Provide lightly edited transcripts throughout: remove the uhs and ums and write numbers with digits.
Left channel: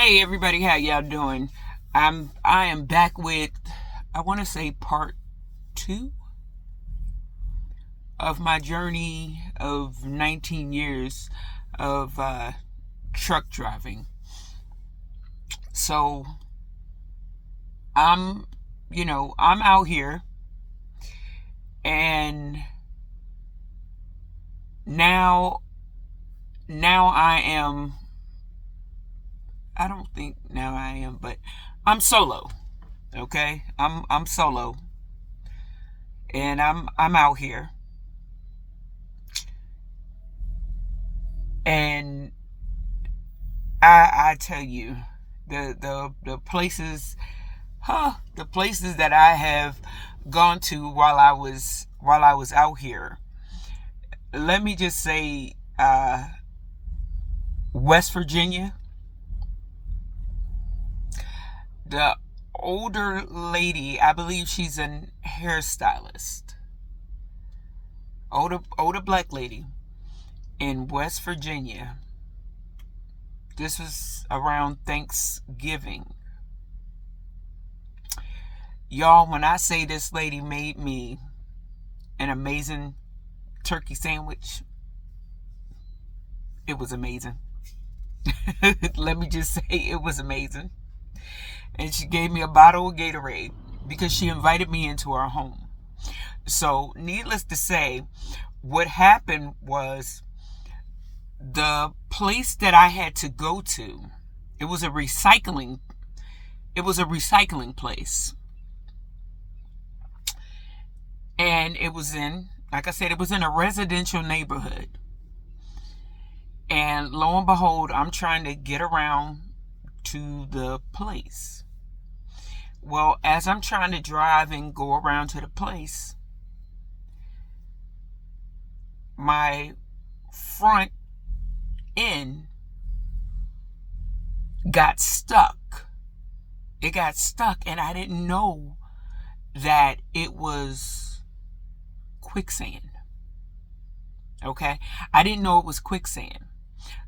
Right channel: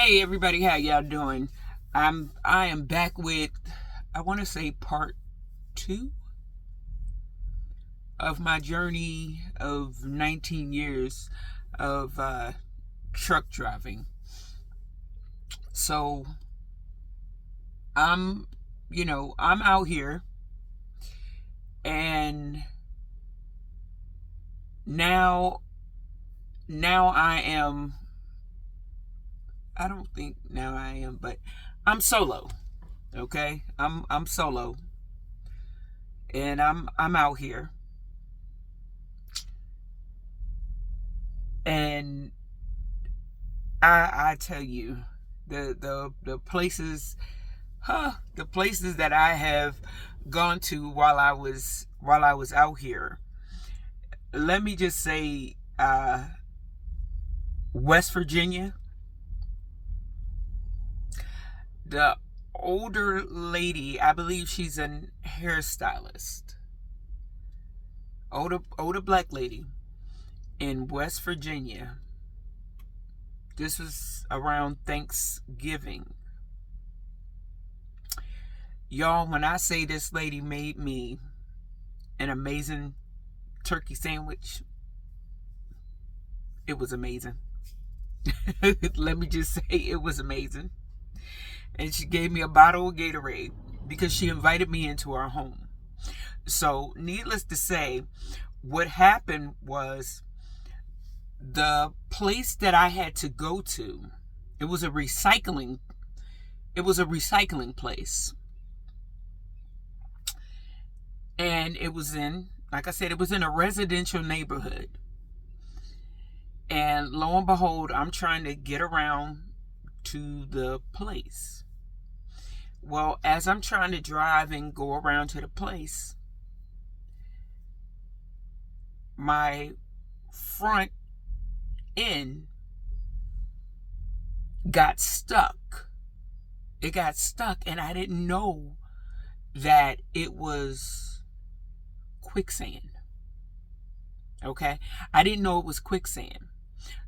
Hey everybody, how y'all doing? I am back with, I want to say, part 2 of my journey of 19 years of truck driving. So I'm I'm out here, and now now I don't think now I am, but I'm solo. Okay? I'm solo, and I'm out here, and I tell you, the places, the places that I have gone to while I was out here. Let me just say, West Virginia. The older lady, I believe she's a hairstylist. Older black lady in West Virginia. This was around Thanksgiving. Y'all, when I say this lady made me an amazing turkey sandwich, it was amazing. Let me just say, it was amazing. And she gave me a bottle of Gatorade because she invited me into her home. So, needless to say, what happened was, the place that I had to go to, it was a recycling place. And it was in, like I said, it was in a residential neighborhood. And lo and behold, I'm trying to get around to the place. Well, as I'm trying to drive and go around to the place, my front end got stuck. It got stuck, and I didn't know that it was quicksand. Okay? I didn't know it was quicksand.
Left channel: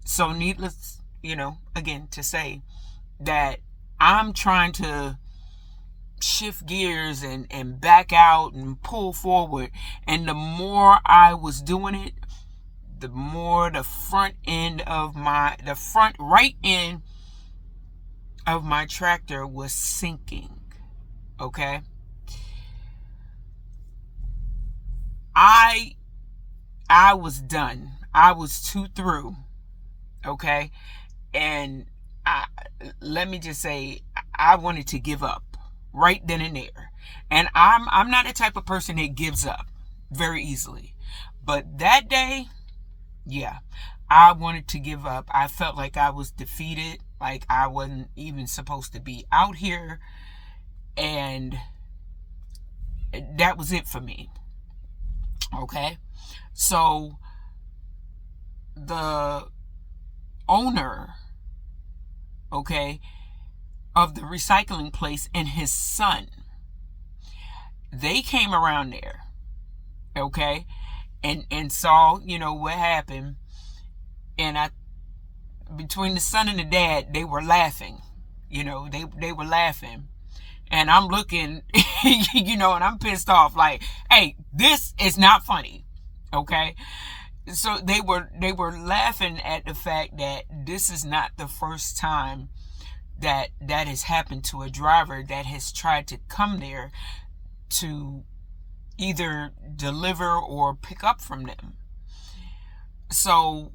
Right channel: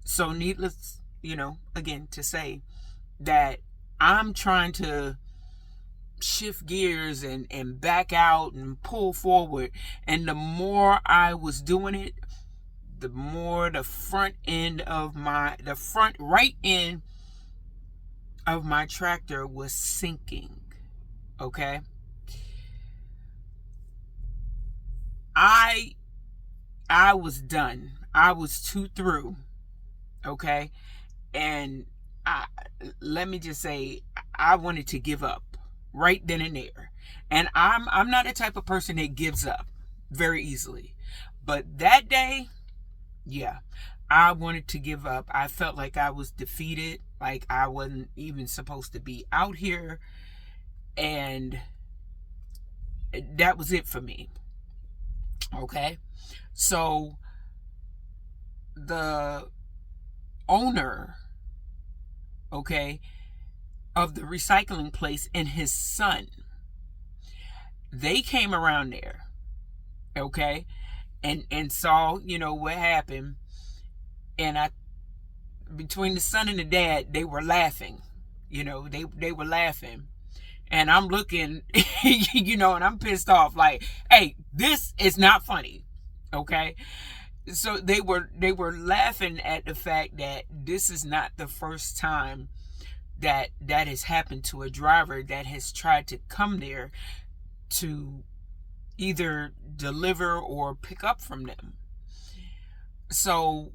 So, needless, again, to say that I'm trying to shift gears and back out and pull forward. And the more I was doing it, the more the front right end of my tractor was sinking. Okay? I was done. I was too through. Okay? And let me just say, I wanted to give up right then and there. And I'm not the type of person that gives up very easily. But that day, yeah, I wanted to give up. I felt like I was defeated, like I wasn't even supposed to be out here. And that was it for me. Okay? So the owner, okay, of the recycling place and his son, they came around there, okay, and saw, what happened. And between the son and the dad, they were laughing. They were laughing. And I'm looking, and I'm pissed off, like, hey, this is not funny. Okay? So they were laughing at the fact that this is not the first time that has happened to a driver that has tried to come there to either deliver or pick up from them. So,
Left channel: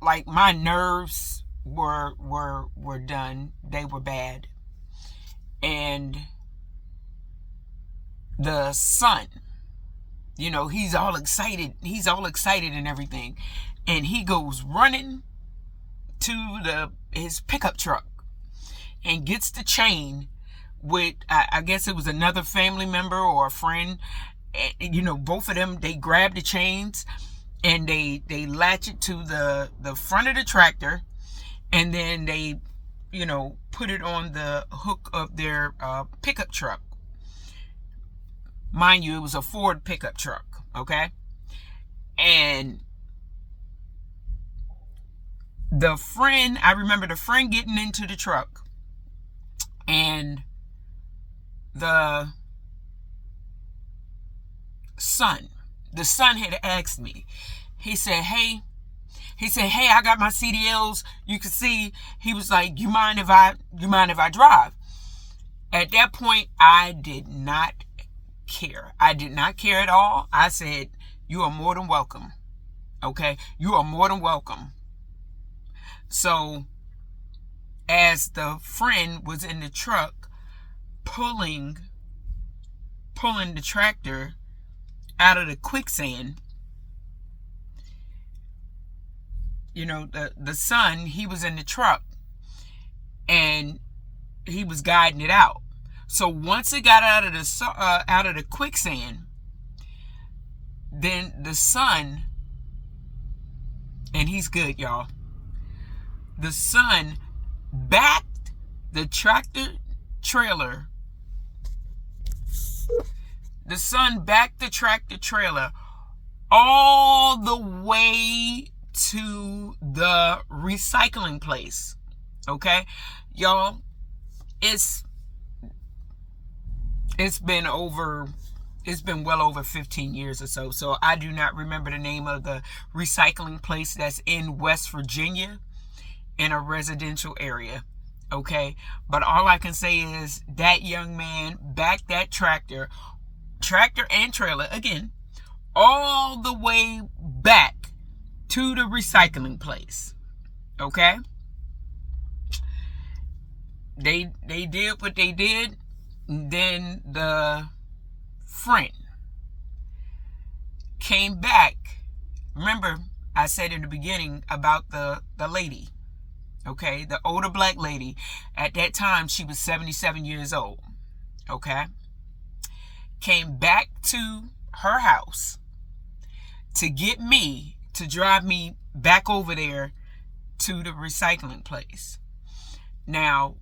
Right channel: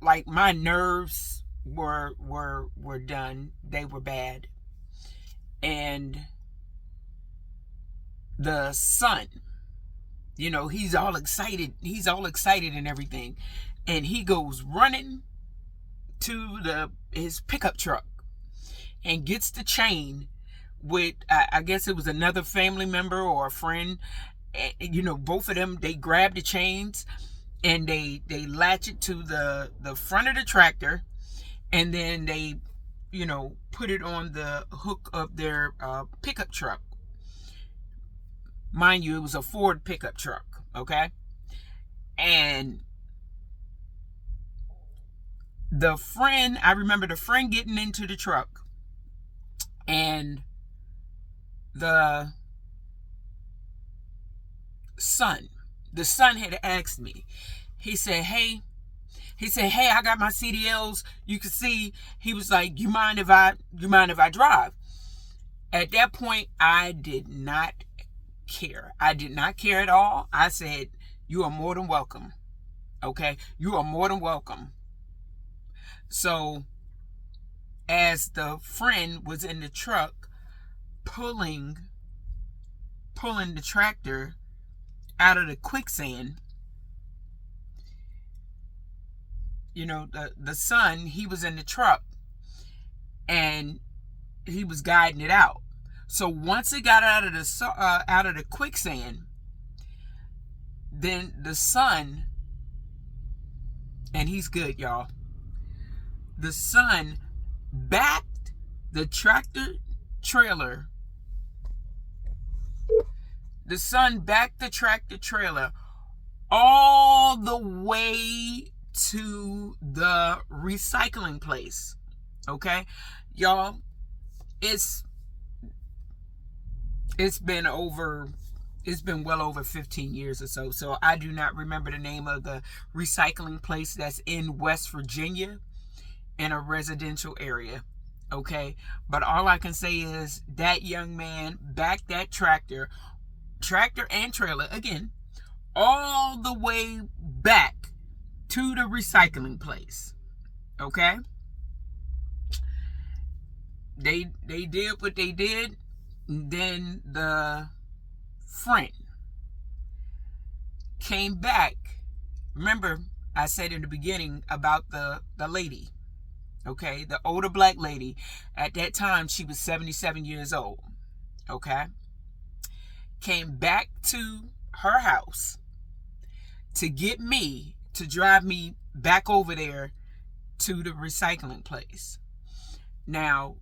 like, my nerves were done. They were bad. And the son, he's all excited and everything, and he goes running to his pickup truck and gets the chain with, I guess it was another family member or a friend. Both of them, they grab the chains and they latch it to the front of the tractor, and then they put it on the hook of their pickup truck. Mind you, it was a Ford pickup truck. Okay? And I remember the friend getting into the truck, and the son had asked me. He said, hey, I got my CDLs. You can see. He was like, you mind if I drive? At that point, I did not care. I did not care at all. I said, you are more than welcome. Okay? You are more than welcome. So, as the friend was in the truck pulling the tractor out of the quicksand, the son, he was in the truck and he was guiding it out. So once it got out of the quicksand, then the son, and he's good, y'all. The son backed the tractor trailer. The son backed the tractor trailer all the way to the recycling place. Okay, y'all, it's been well over 15 years or so. So I do not remember the name of the recycling place that's in West Virginia in a residential area. Okay, but all I can say is that young man backed that tractor and trailer again all the way back to the recycling place. Okay, they did what they did. And then the friend came back. Remember, I said in the beginning about the lady, okay, the older black lady. At that time, she was 77 years old. Okay, came back to her house to get me to drive me back over there to the recycling place. Now,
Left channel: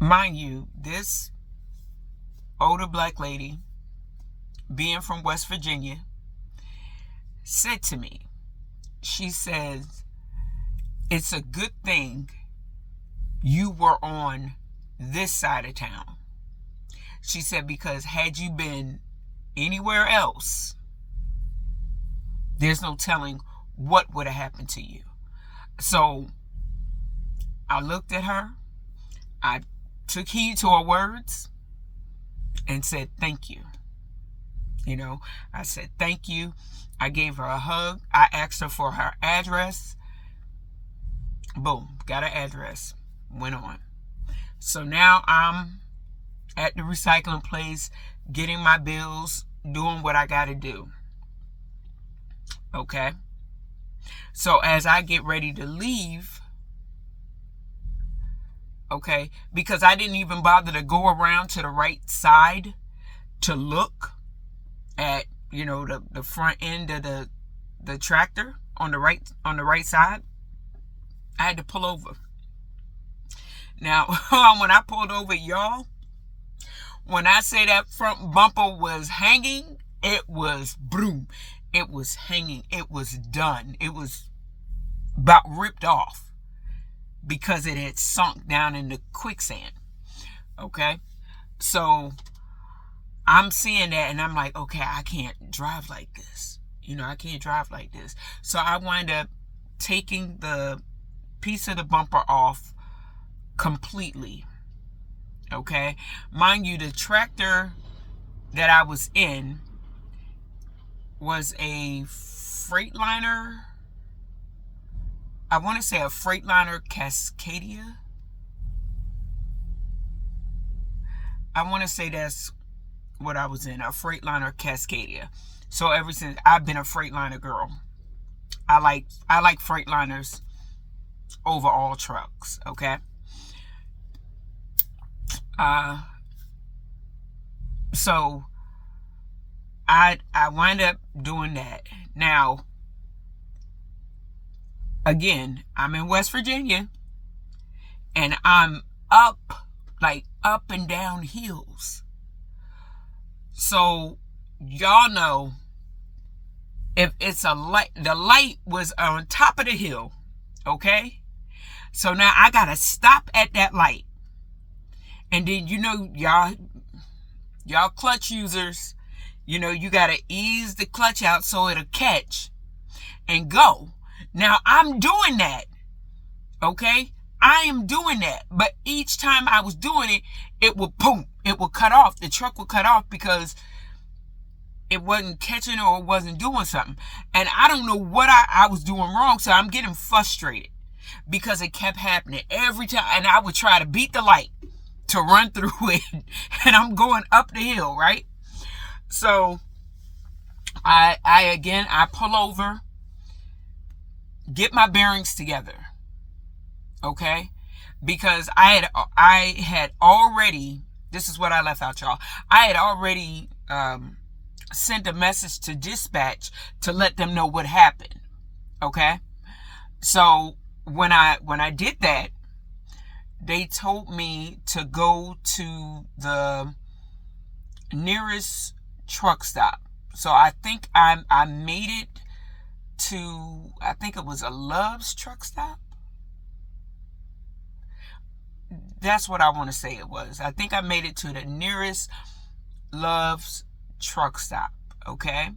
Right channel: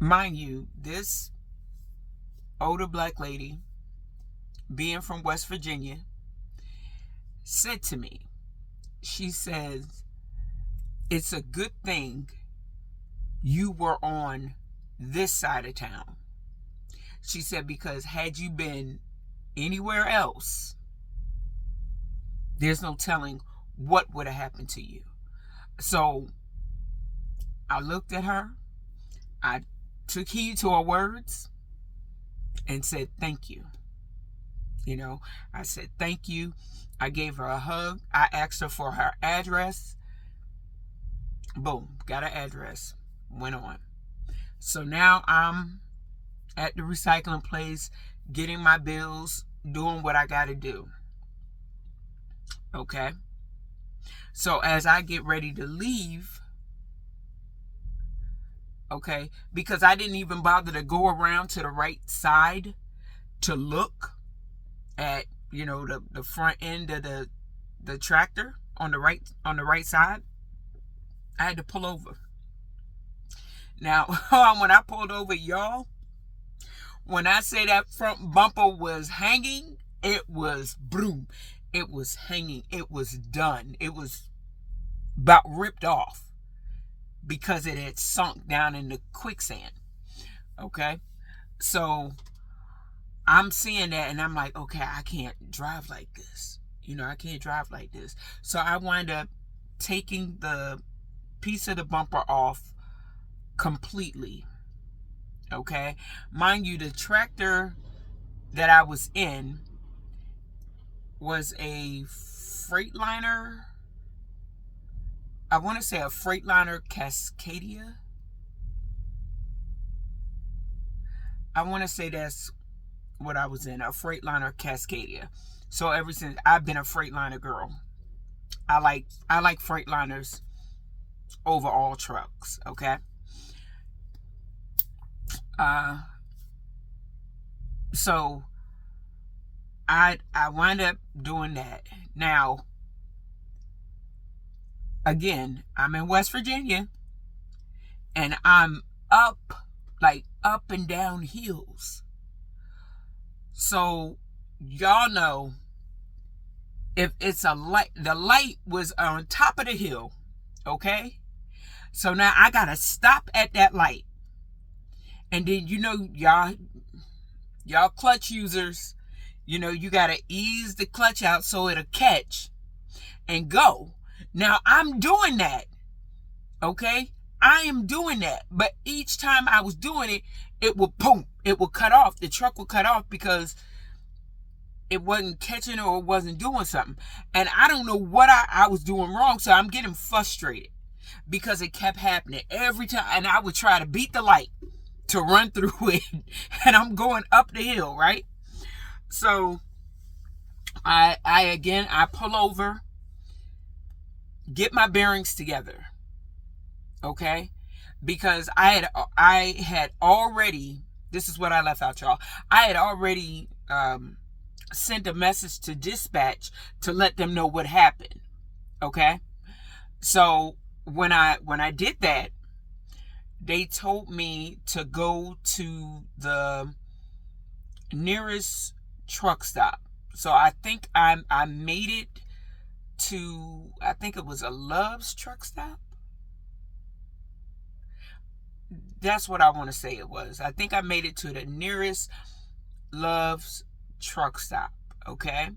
mind you, this older black lady, being from West Virginia, said to me, she says, it's a good thing you were on this side of town. She said, because had you been anywhere else, there's no telling what would have happened to you. So I looked at her, I took heed to her words and said, thank you. I said, thank you. I gave her a hug. I asked her for her address. Boom, got her address. Went on. So now I'm at the recycling place, getting my bills, doing what I got to do. Okay. So as I get ready to leave, okay, because I didn't even bother to go around to the right side to look at, the front end of the tractor on the right side. I had to pull over. Now, when I pulled over, y'all, when I say that front bumper was hanging, it was boom. It was hanging. It was done. It was about ripped off because it had sunk down in the quicksand. Okay? So I'm seeing that and I'm like, okay, I can't drive like this. I can't drive like this. So I wind up taking the piece of the bumper off completely. Okay? Mind you, the tractor that I was in was a Freightliner. I want to say a Freightliner Cascadia. I want to say that's what I was in, a Freightliner Cascadia. So ever since, I've been a Freightliner girl. I like Freightliners over all trucks. Okay. So I wind up doing that. Now, again, I'm in West Virginia and I'm up and down hills. So y'all know, if it's a light, the light was on top of the hill. Okay? So now I got to stop at that light. And then, y'all clutch users, you got to ease the clutch out so it'll catch and go. Now I'm doing that. Okay? I am doing that. But each time I was doing it, it would boom. It would cut off. The truck would cut off because it wasn't catching or it wasn't doing something. And I don't know what I was doing wrong. So I'm getting frustrated because it kept happening every time. And I would try to beat the light to run through it. And I'm going up the hill, right? So I pull over, get my bearings together. Okay? Because I had already, this is what I left out, y'all. I had already sent a message to dispatch to let them know what happened. Okay? So when I did that, they told me to go to the nearest truck stop. So I think I made it to, I think it was a Love's truck stop. That's what I want to say it was. I think I made it to the nearest Love's truck stop. Okay?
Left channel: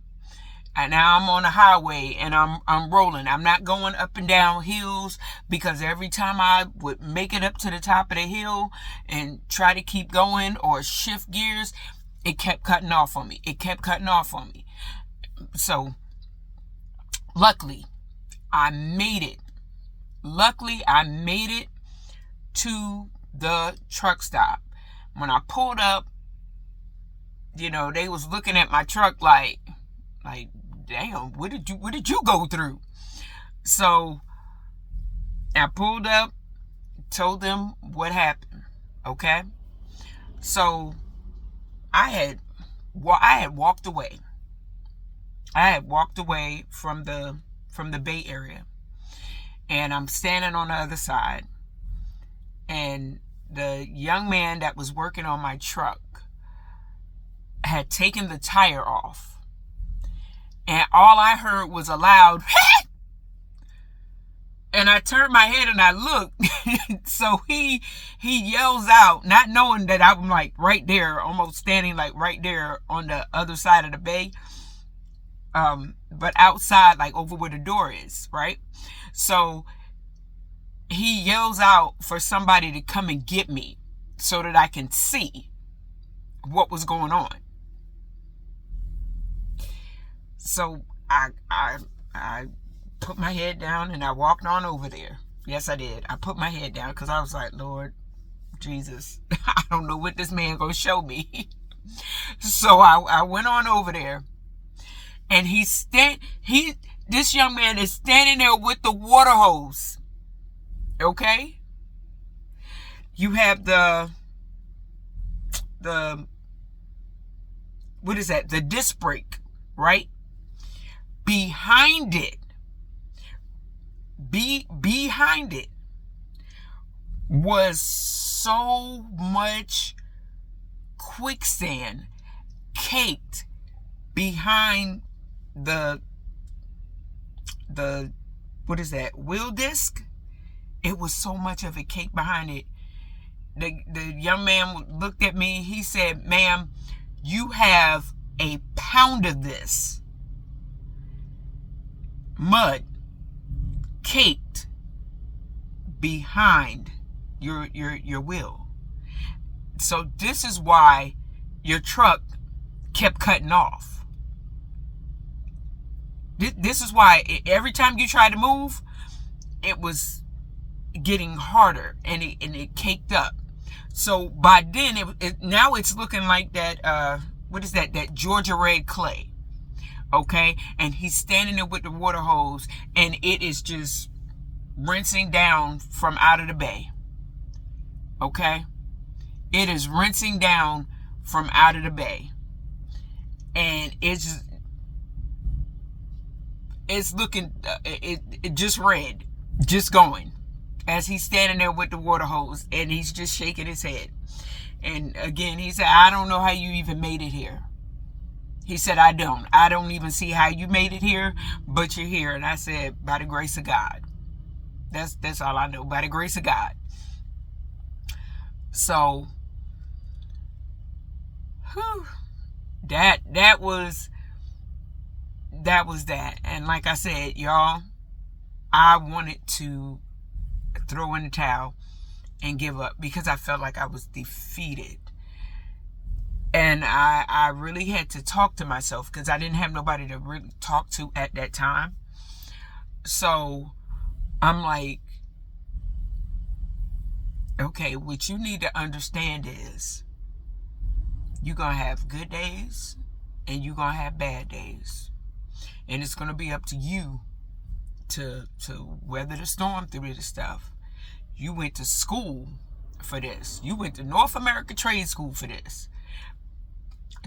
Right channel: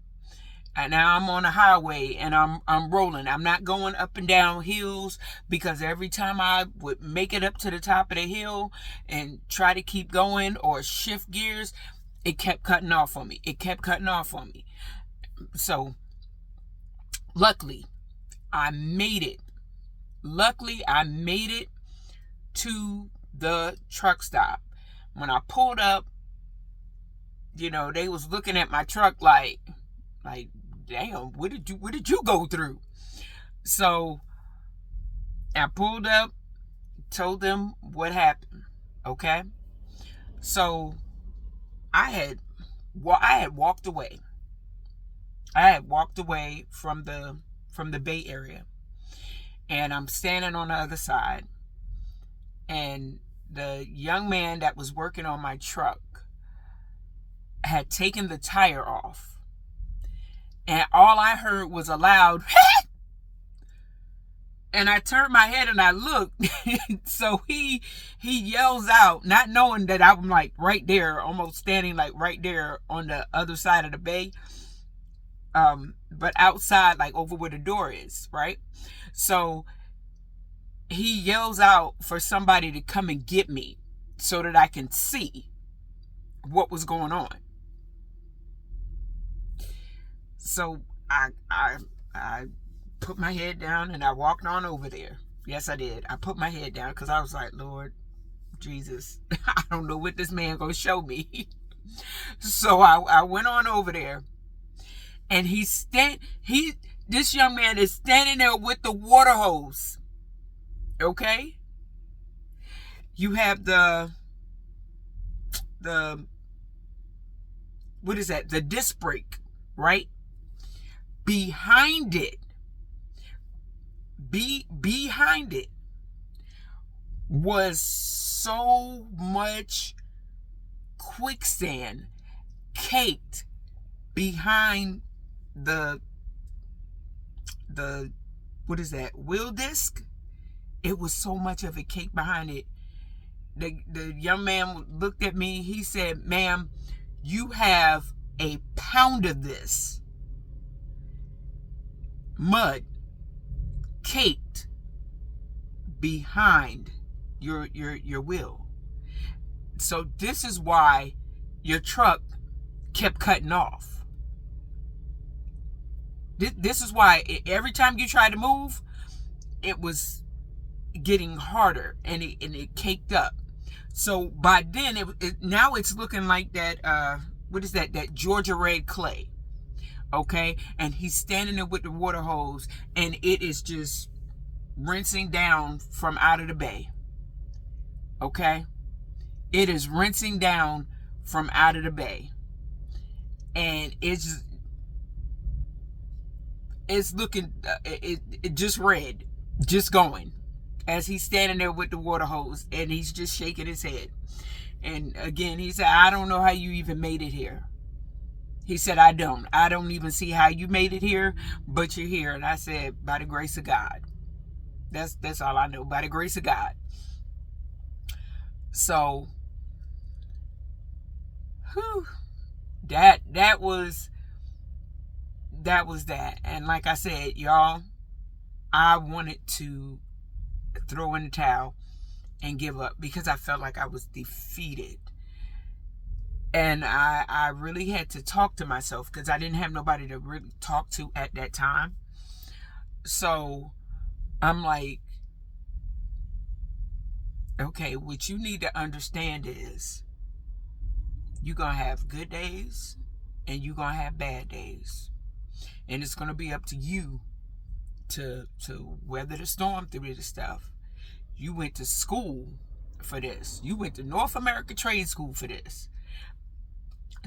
And now I'm on the highway and I'm rolling. I'm not going up and down hills because every time I would make it up to the top of the hill and try to keep going or shift gears, it kept cutting off on me. So luckily, I made it. To the truck stop. When I pulled up, they was looking at my truck like, damn, what did you go through? So I pulled up, told them what happened. Okay? So I had walked away. I had walked away from the Bay Area. And I'm standing on the other side. And the young man that was working on my truck had taken the tire off. And all I heard was a loud, "Hey!" And I turned my head and I looked. So he yells out, not knowing that I'm like right there, almost standing like right there on the other side of the bay. But outside, like over where the door is, right? So he yells out for somebody to come and get me so that I can see what was going on. So I put my head down and I walked on over there. Yes, I did. I put my head down because I was like, Lord Jesus, I don't know what this man gonna show me. So I went on over there, and this young man is standing there with the water hose. Okay? You have the what is that? The disc brake, right? Behind it was so much quicksand caked behind the what is that? Wheel disc? It was so much of it caked behind it. The young man looked at me. He said, "Ma'am, you have a pound of this mud caked behind your wheel. So this is why your truck kept cutting off. This is why every time you tried to move, it was getting harder and it caked up. So by then, now it's looking like that, what is that Georgia red clay. Okay? And he's standing there with the water hose, and it is just rinsing down from out of the bay. Okay? It is rinsing down from out of the bay. And it's looking, it just red, just going, as he's standing there with the water hose, and he's just shaking his head. And again, he said, "I don't know how you even made it here." He said, I don't even see how you made it here, but you're here. And I said, by the grace of God. That's all I know, by the grace of God. So, whew, that was that. And like I said, y'all, I wanted to throw in the towel and give up because I felt like I was defeated. And I really had to talk to myself because I didn't have nobody to really talk to at that time. So I'm like, okay, what you need to understand is you're going to have good days and you're going to have bad days. And it's going to be up to you to weather the storm through this stuff. You went to school for this. You went to North America Trade School for this.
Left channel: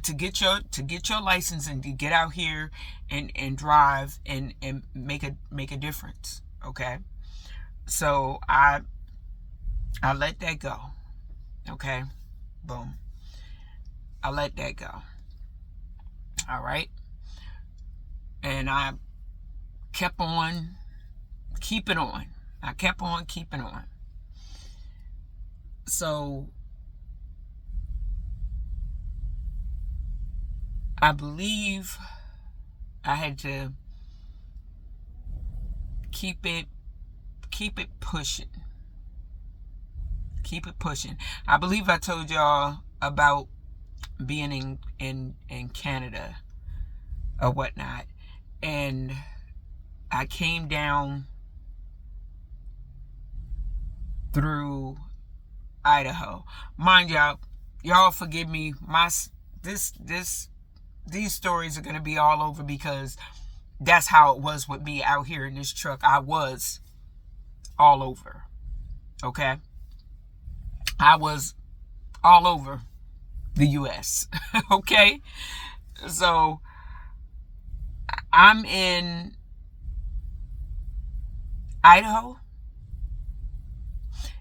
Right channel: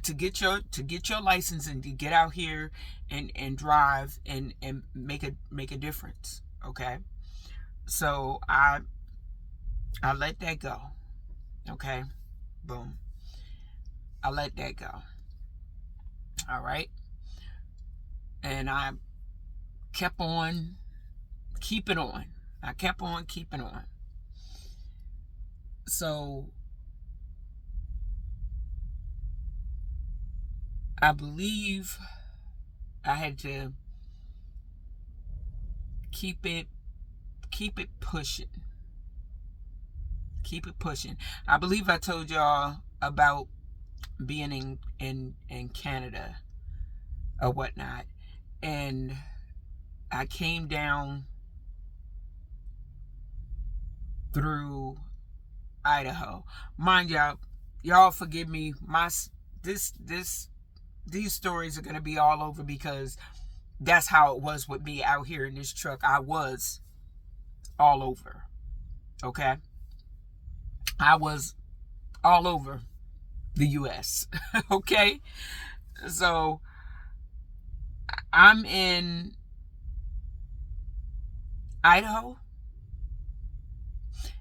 To get your license and to get out here and drive and make a difference. Okay? So I let that go. Okay? Boom. I let that go. All right? And I kept on keeping on. I kept on keeping on. So I believe I had to keep it pushing. Keep it pushing. I believe I told y'all about being in Canada or whatnot. And I came down through Idaho. Mind y'all forgive me. These stories are going to be all over because that's how it was with me out here in this truck. I was all over. Okay? I was all over the U.S. Okay? So, I'm in Idaho.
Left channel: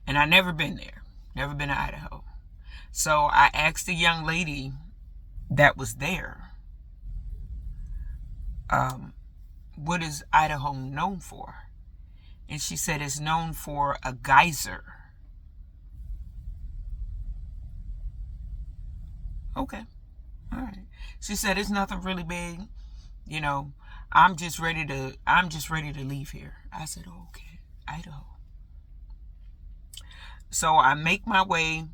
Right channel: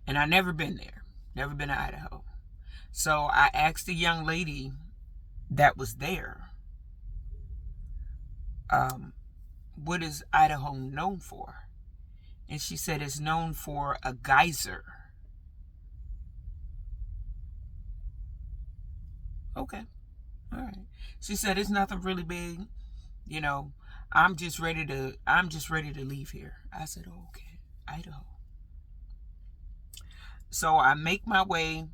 And I never been there. Never been to Idaho. So, I asked the young lady that was there, what is Idaho known for? And she said it's known for a geyser. Okay. All right. She said it's nothing really big. You know, I'm just ready to leave here. I said, oh, okay, Idaho. So I make my way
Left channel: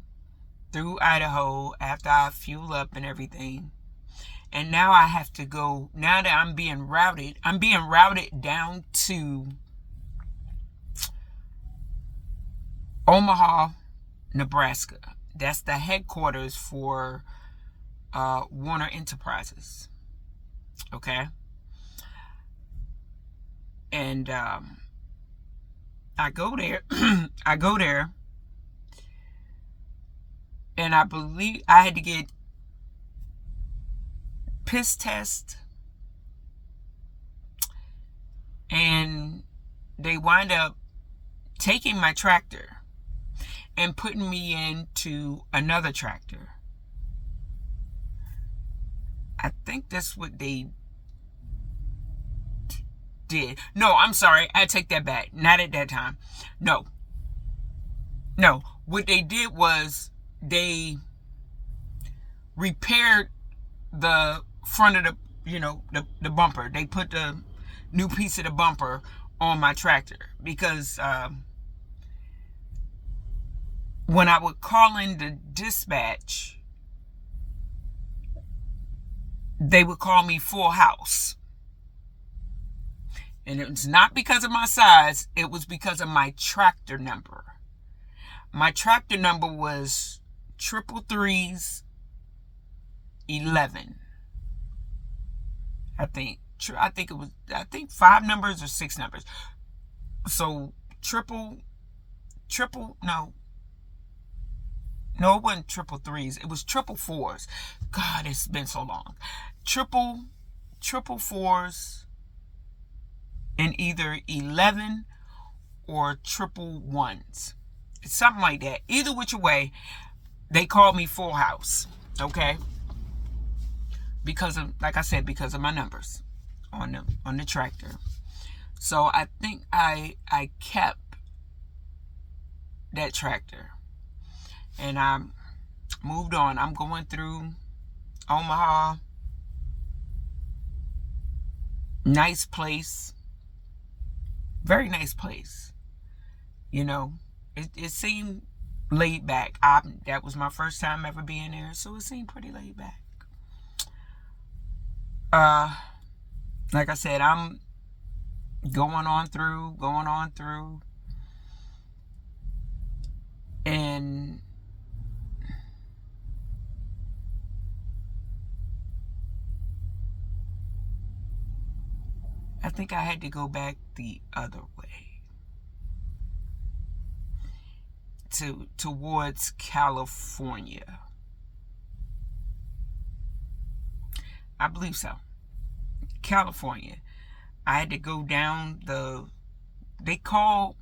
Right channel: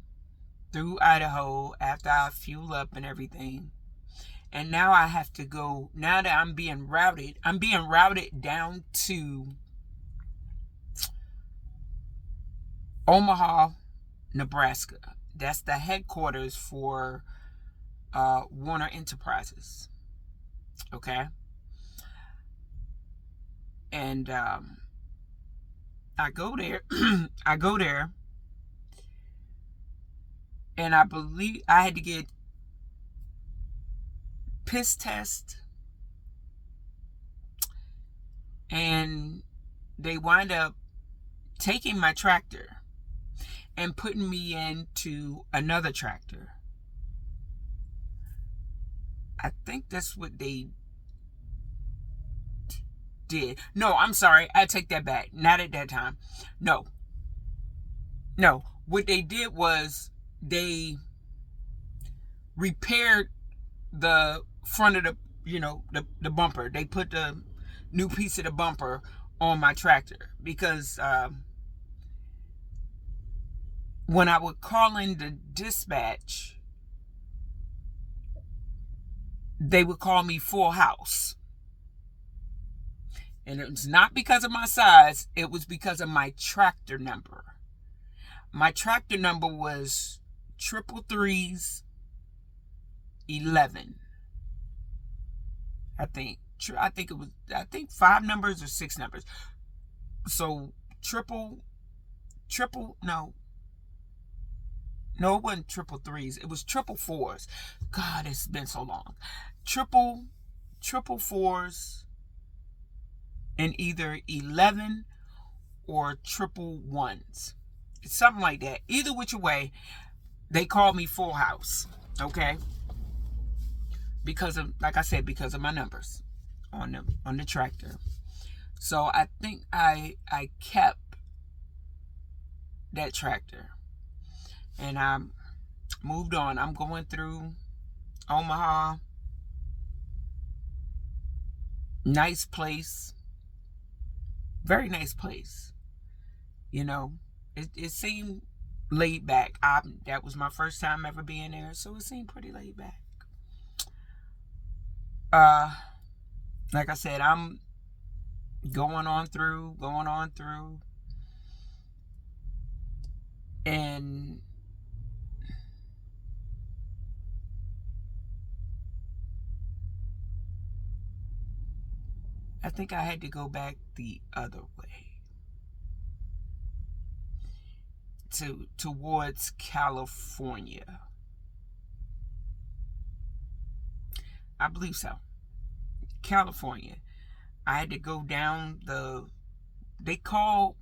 through Idaho after I fuel up and everything. And now I have to go, now that I'm being routed down to Omaha, Nebraska. That's the headquarters for Warner Enterprises. Okay? And I go there. And I believe I had to get piss test, and they wind up taking my tractor and putting me into another tractor. I think that's what they did. No, I'm sorry. I take that back. Not at that time. No. What they did was they repaired the front of the bumper. They put the new piece of the bumper on my tractor because when I would call in the dispatch, they would call me full house. And it was not because of my size, it was because of my tractor number. My tractor number was 33311. I think it was 5 numbers or 6 numbers. So no, it wasn't 333s. It was 444s. God, it's been so long. 444s and either 11 or 111s. It's something like that. Either which way, they called me full house. Okay? Because of, like I said, because of my numbers on the tractor. So I think I kept that tractor. And I moved on. I'm going through Omaha. Nice place. Very nice place. You know, it seemed laid back. That was my first time ever being there, so it seemed pretty laid back. Like I said, I'm going on through, and I think I had to go back the other way towards California. I believe so. California. I had to go down they call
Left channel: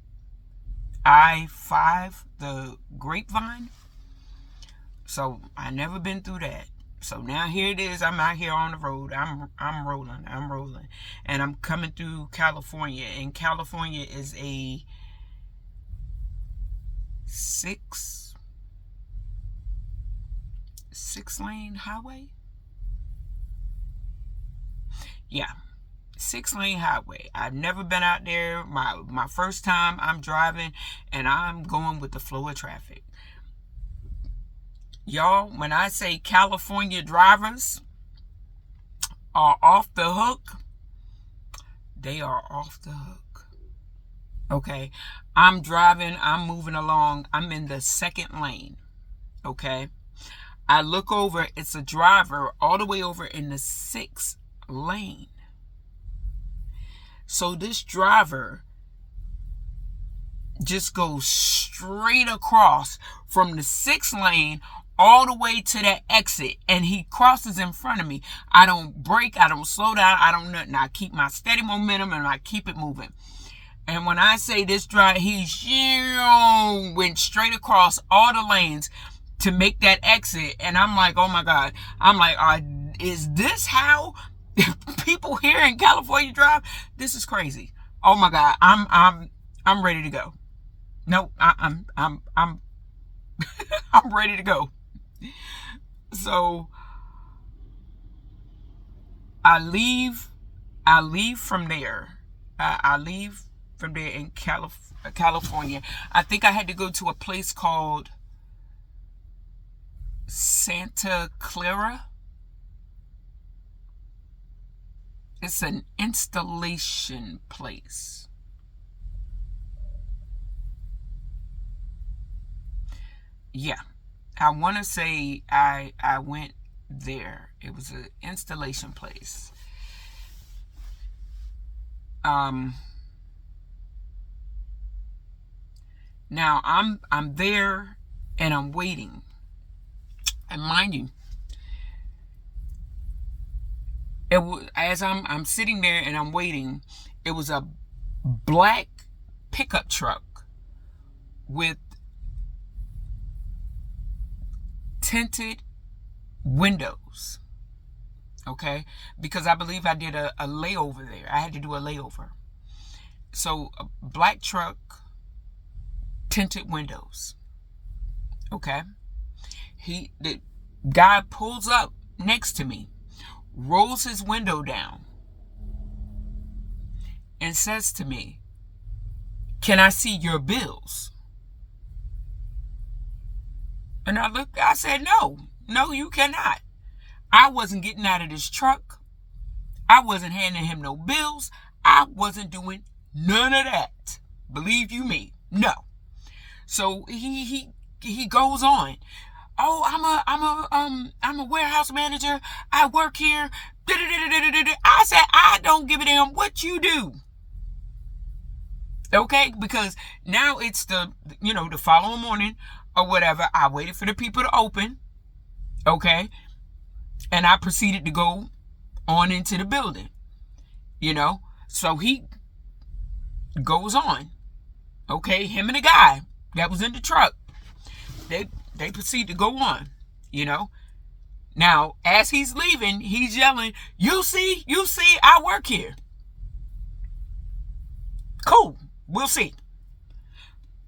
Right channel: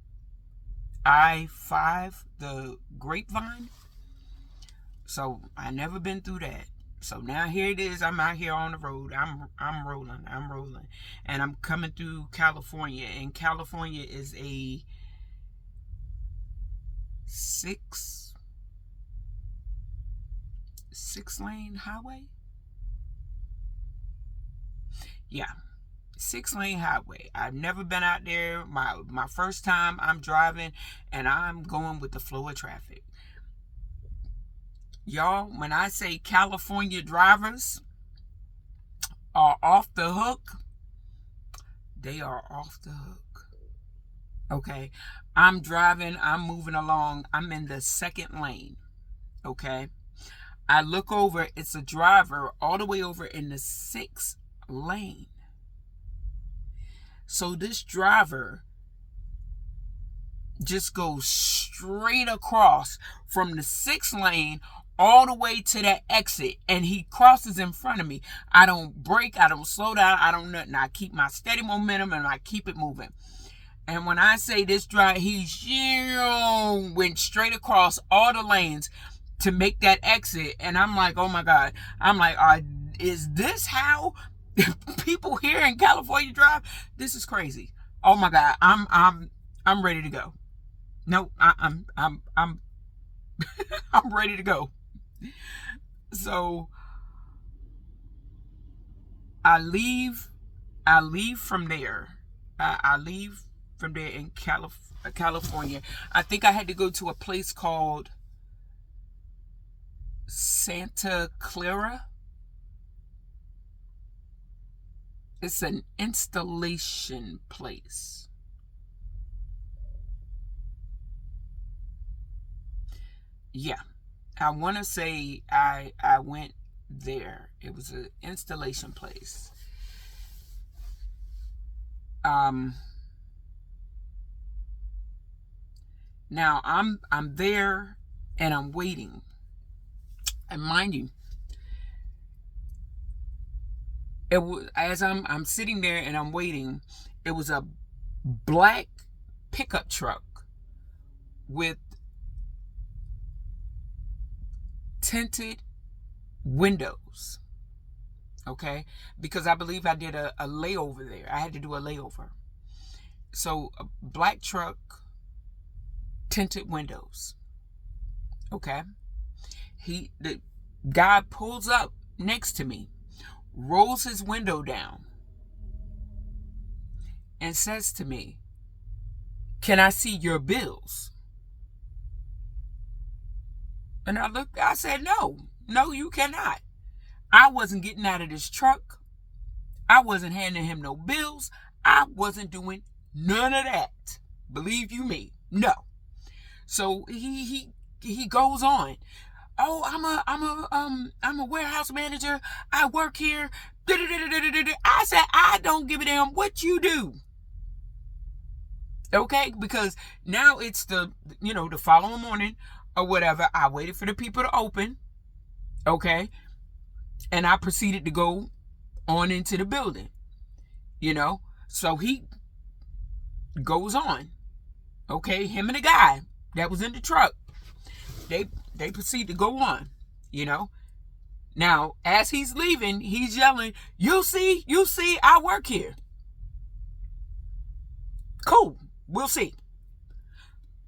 I-5 the Grapevine. So I never been through that. So now here it is. I'm out here on the road. I'm rolling. And I'm coming through California. And California is a six lane highway. Yeah. 6-lane highway. I've never been out there. My first time I'm driving, and I'm going with the flow of traffic. Y'all, when I say California drivers are off the hook, they are off the hook. Okay? I'm driving, I'm moving along, I'm in the 2nd lane. Okay? I look over, it's a driver all the way over in the 6th lane. So this driver just goes straight across from the 6th lane all the way to that exit, and he crosses in front of me. I don't brake, I don't slow down, I don't nothing. I keep my steady momentum and I keep it moving. And when I say this driver, he went straight across all the lanes to make that exit, and I'm like, oh my God. I'm like, is this how people here in California drive? This is crazy. Oh my God, I'm ready to go. No, I'm I'm ready to go. So I leave from there. I leave from there in California. I think I had to go to a place called Santa Clara. It's an installation place. Yeah. I want to say I went there. It was an installation place. Now I'm there and I'm waiting. And mind you, as I'm sitting there and I'm waiting, it was a black pickup truck with tinted windows. Okay? Because I believe I did a layover there. I had to do a layover. So a black truck, tinted windows. Okay? The guy pulls up next to me, rolls his window down, and says to me, "Can I see your bills?" And I said, no, you cannot. I wasn't getting out of this truck. I wasn't handing him no bills. I wasn't doing none of that. Believe you me, no. So he goes on. Oh, I'm a warehouse manager. I work here. I said, I don't give a damn what you do. Okay, because now it's the following morning or whatever. I waited for the people to open. Okay, and I proceeded to go on into the building. So he goes on. Okay, him and the guy that was in the truck, they proceed to go on. Now as he's leaving, he's yelling, you see, I work here. Cool, we'll see.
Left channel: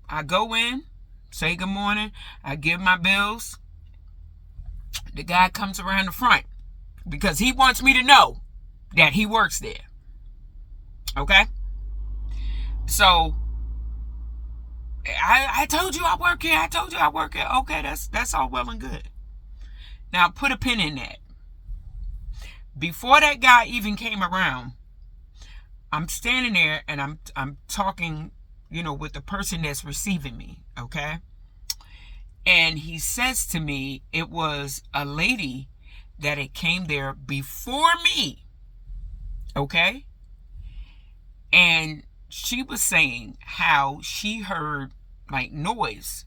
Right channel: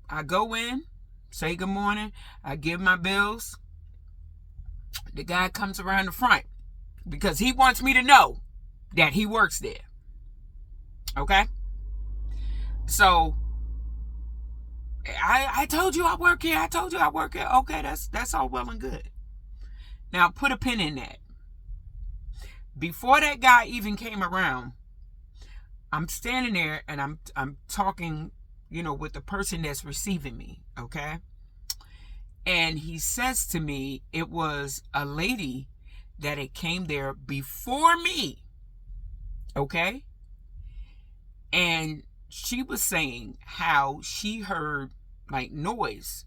I go in, say good morning. I give my bills. The guy comes around the front because he wants me to know that he works there. Okay? So I told you I work here. I told you I work here. Okay, that's all well and good. Now put a pin in that. Before that guy even came around, I'm standing there and I'm talking, with the person that's receiving me, okay? And he says to me, it was a lady that had came there before me, okay? And she was saying how she heard like noise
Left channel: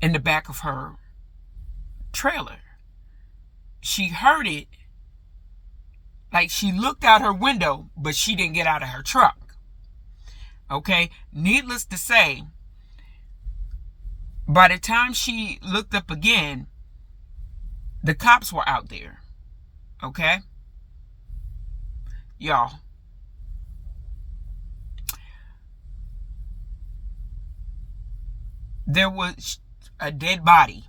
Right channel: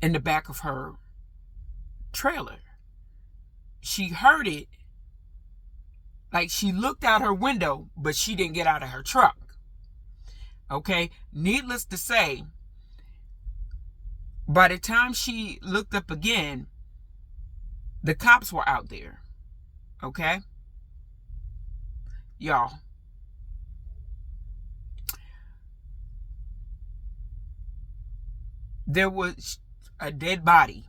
in the back of her trailer. She heard it, like she looked out her window, but she didn't get out of her truck. Okay? Needless to say, by the time she looked up again, the cops were out there. Okay? Y'all. There was a dead body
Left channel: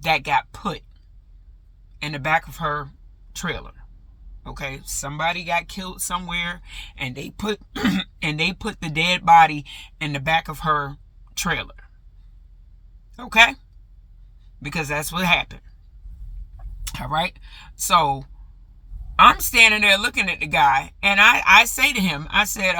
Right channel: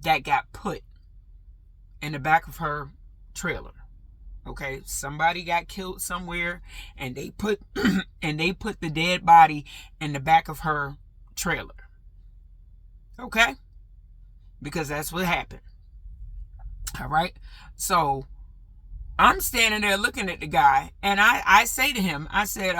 that got put in the back of her trailer. Okay, somebody got killed somewhere, and they put the dead body in the back of her trailer. Okay, because that's what happened. All right, so I'm standing there looking at the guy, and I say to him, I said,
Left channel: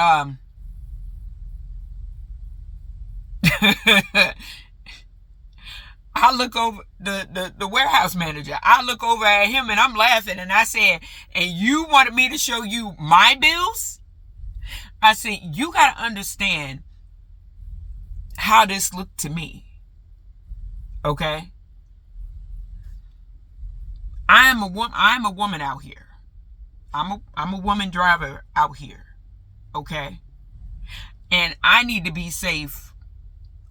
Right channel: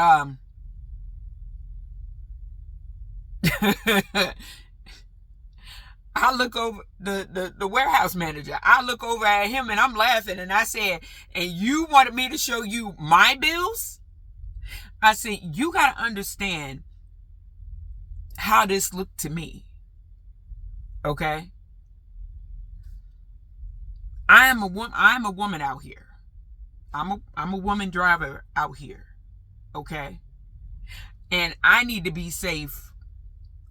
I look over the warehouse manager. I look over at him and I'm laughing, and I said, and you wanted me to show you my bills? I said, you got to understand how this looked to me. Okay? I am a woman out here. I'm a woman driver out here. Okay? And I need to be safe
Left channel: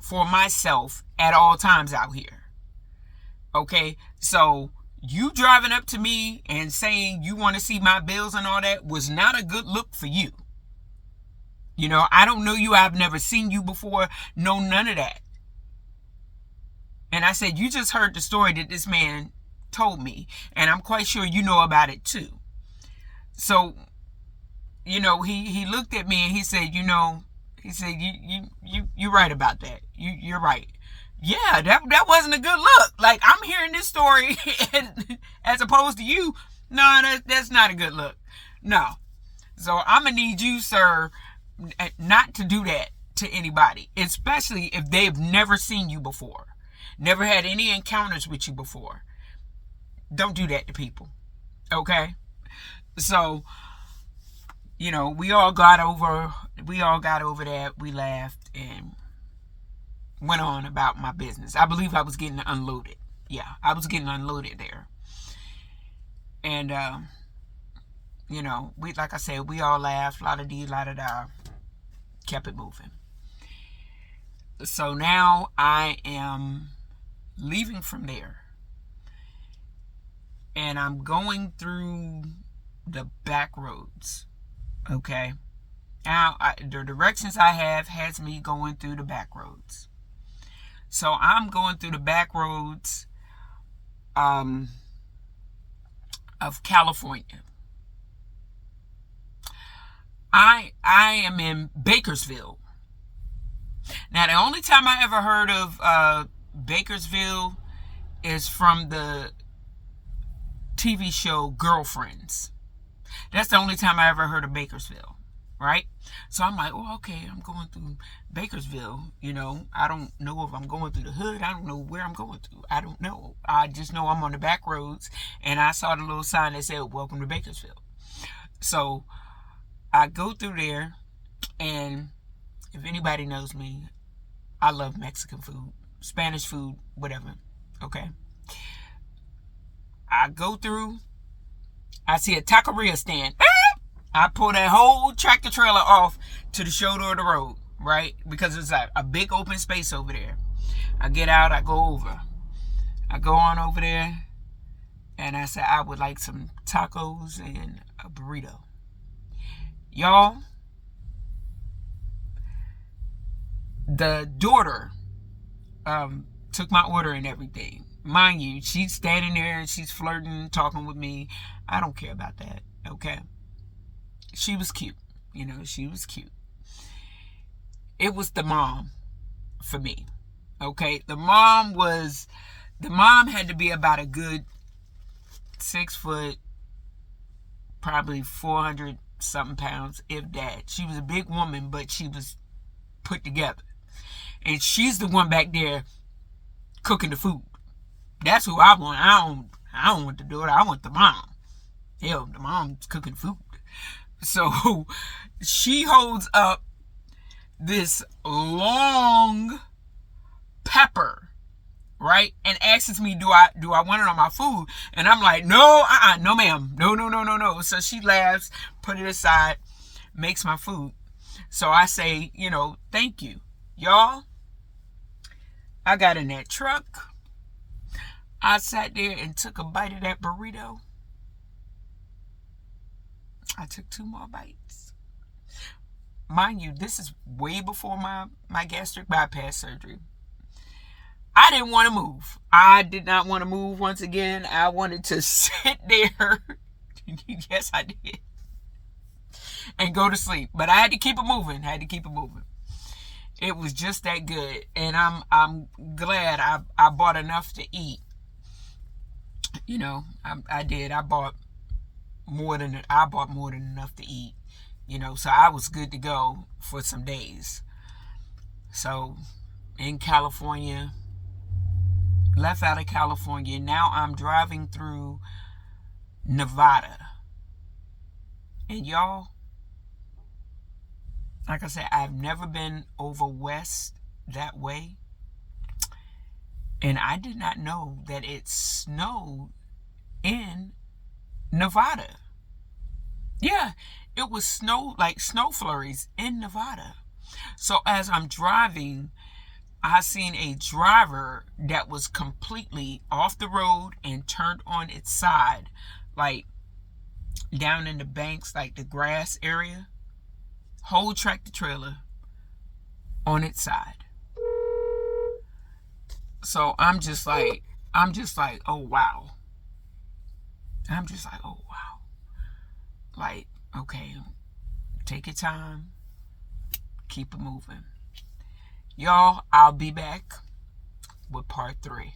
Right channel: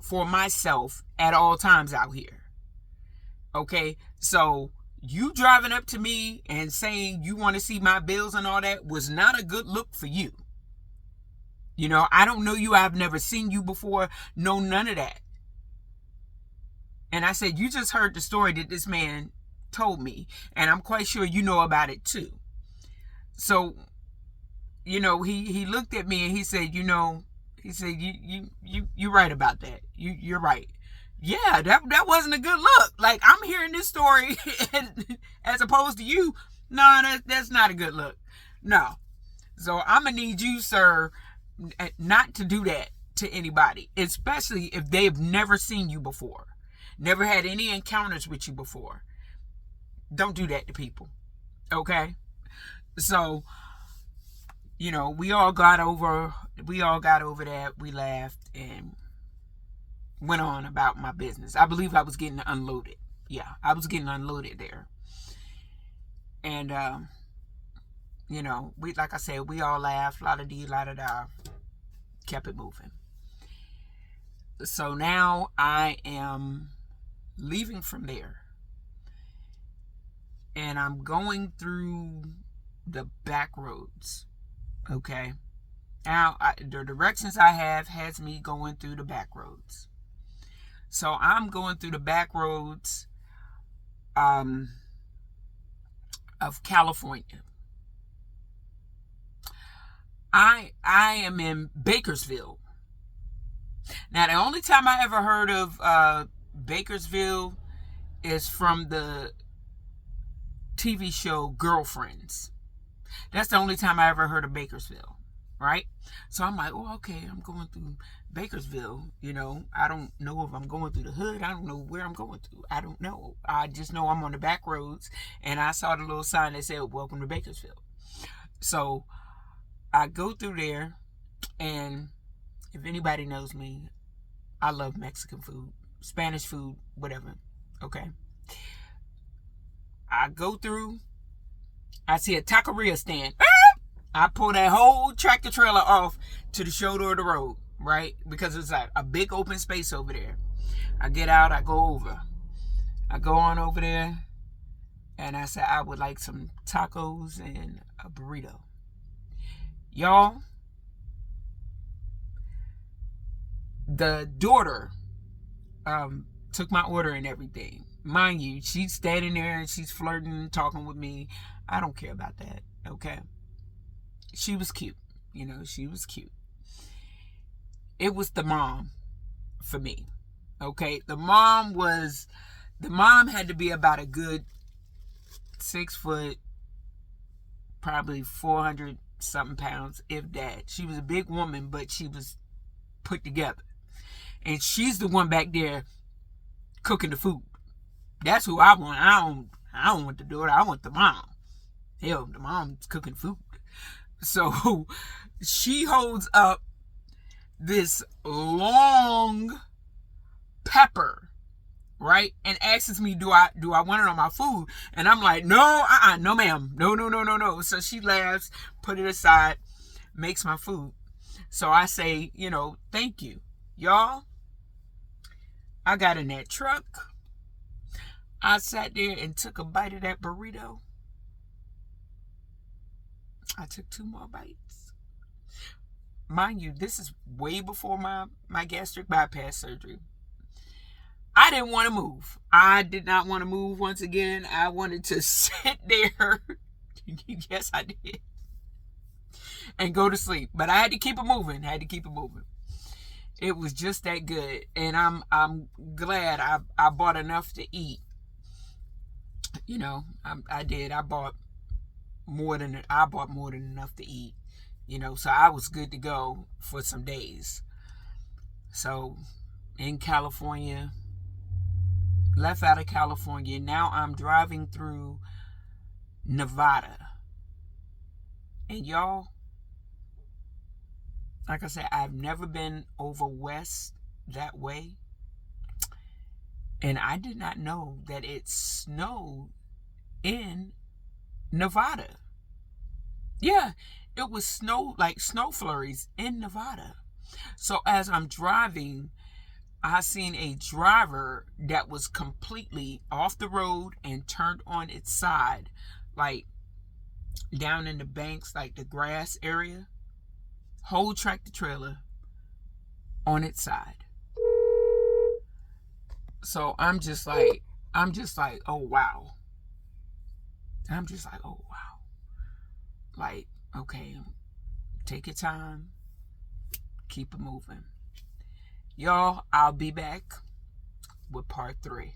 for myself at all times out here. Okay? So you driving up to me and saying you want to see my bills and all that was not a good look for you. I don't know you. I've never seen you before. No, none of that. And I said, you just heard the story that this man told me, and I'm quite sure you know about it too. So, he looked at me and he said, you're right about that. You're right. Yeah, that wasn't a good look. Like, I'm hearing this story and, as opposed to you. No, that's not a good look. No. So I'm going to need you, sir, not to do that to anybody, especially if they've never seen you before, never had any encounters with you before. Don't do that to people. Okay? So, we all got over that. We laughed and went on about my business. I believe I was getting unloaded. Yeah, I was getting unloaded there. And, we, like I said, we all laughed, la-da-dee, la-da-da, kept it moving. So now I am leaving from there. And I'm going through the back roads. Okay? Now, the directions I have has me going through the back roads. So I'm going through the back roads of California. I am in Bakersville. Now, the only time I ever heard of Bakersville is from the TV show Girlfriends. That's the only time I ever heard of Bakersville, right? So I'm like, oh, okay, I'm going through Bakersville. I don't know if I'm going through the hood. I don't know where I'm going through. I don't know. I just know I'm on the back roads, and I saw the little sign that said, welcome to Bakersville. So I go through there, and if anybody knows me, I love Mexican food, Spanish food, whatever. Okay. I go through, I see a taqueria stand. I pull that whole tractor trailer off to the shoulder of the road, right? Because it's a big open space over there. I get out, I go over. I go on over there, and I say, I would like some tacos and a burrito. Y'all, the daughter took my order and everything. Mind you, she's standing there and she's flirting, talking with me. I don't care about that, okay? She was cute. She was cute. It was the mom for me, okay? The mom had to be about a good 6 foot, probably 400 something pounds, if that. She was a big woman, but she was put together. And she's the one back there cooking the food. That's who I want. I don't want to do it. I want the mom. Hell, the mom's cooking food. So she holds up this long pepper, right, and asks me, do I want it on my food? And I'm like, no, no, ma'am, no. So she laughs, put it aside, makes my food. So I say, thank you, y'all. I got in that truck. I sat there and took a bite of that burrito. I took 2 more bites. Mind you, this is way before my gastric bypass surgery. I didn't want to move. I did not want to move once again. I wanted to sit there. Yes, I did. And go to sleep. But I had to keep it moving. It was just that good. And I'm glad I bought enough to eat. I did. I bought more than enough to eat. So I was good to go for some days. So in California, left out of California. Now I'm driving through Nevada. And y'all, like I said, I've never been over west that way. And I did not know that it snowed in Nevada. Yeah, it was snow flurries in Nevada. So as I'm driving, I seen a driver that was completely off the road and turned on its side, like down in the banks, like the grass area. Whole tractor trailer on its side. So I'm just like, oh wow. Like, okay, take your time, keep it moving. Y'all, I'll be back with part 3.